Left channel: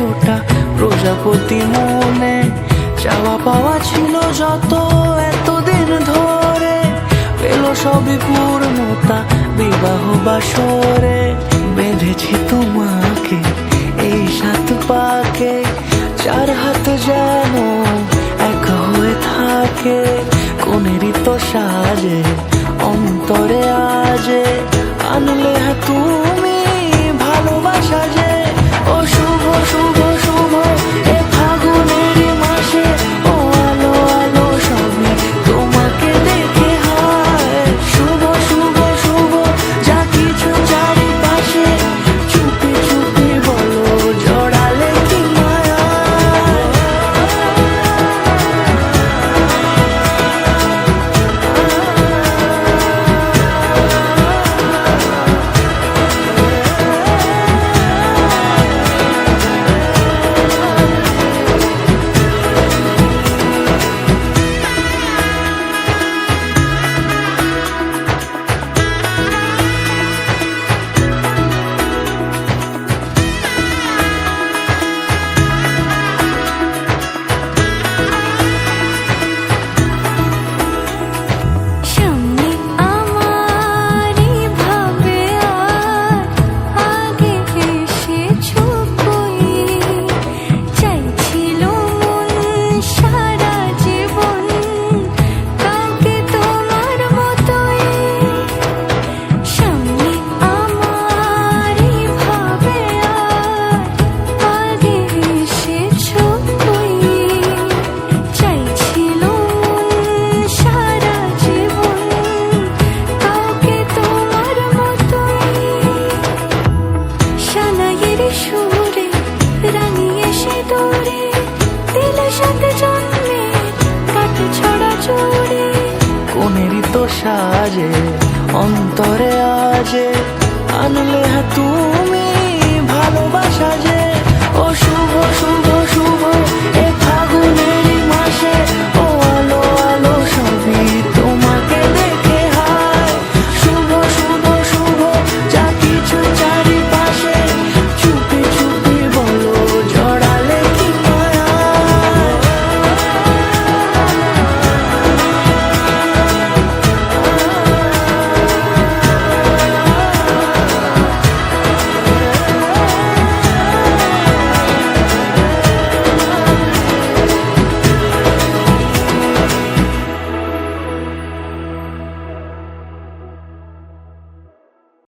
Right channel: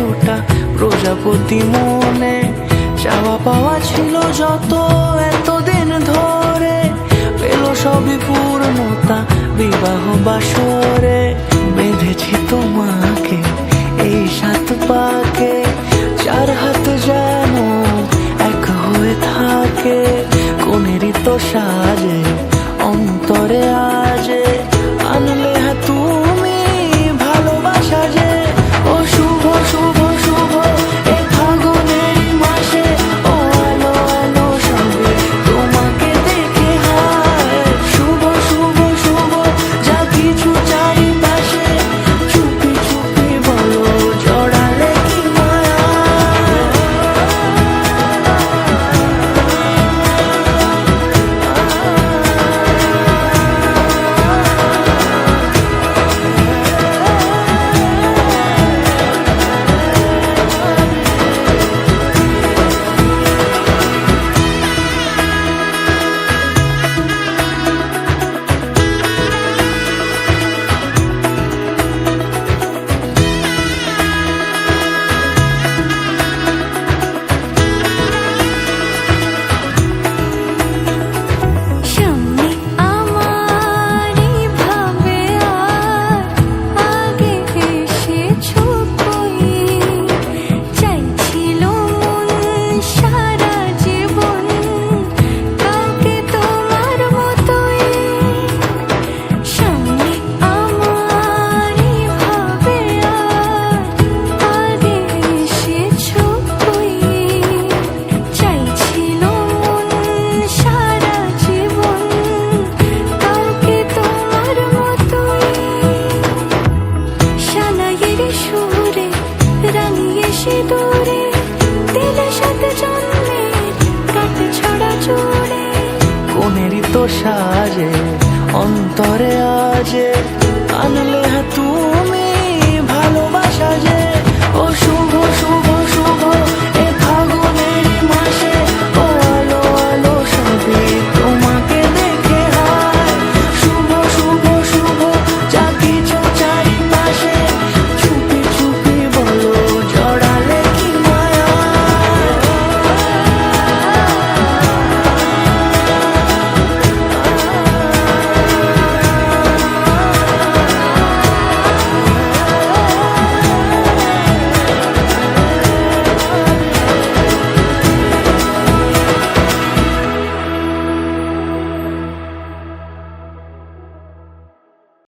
100টা প্রজাপতি মনে, চাওয়া পাওয়া ছিল যত এতদিন ধরে, পেল সবই পূর্ণতা বিবাহ বাসরে। বেঁধেছি তোমাকে এই 7 পাকে, 4 হাত যেন এক হয়ে থাকে। কোনেরই তো সাজে অন্তরে আজে, আনলে হ্যাঁ তুমি ভালোবাসা যে। ও শুভ শুভ শুভ এ ফাগুনেরই মাসে, ও আলো আলো সবই তোমাকে দেখে হায়। শুভ শুভ শুভ যা কিছু চারিপাশে, চুপি চুপি বলো জড়ালে কি মায়া। সুরে রাঙিয়ে সে দূরে, দিলে 7 জন্মের কাট ছড়া জোড়ে। কোনেরই তো সাজে অন্তরে আজে, আনলে হ্যাঁ তুমি ভালোবাসা যে। ও শুভ শুভ শুভ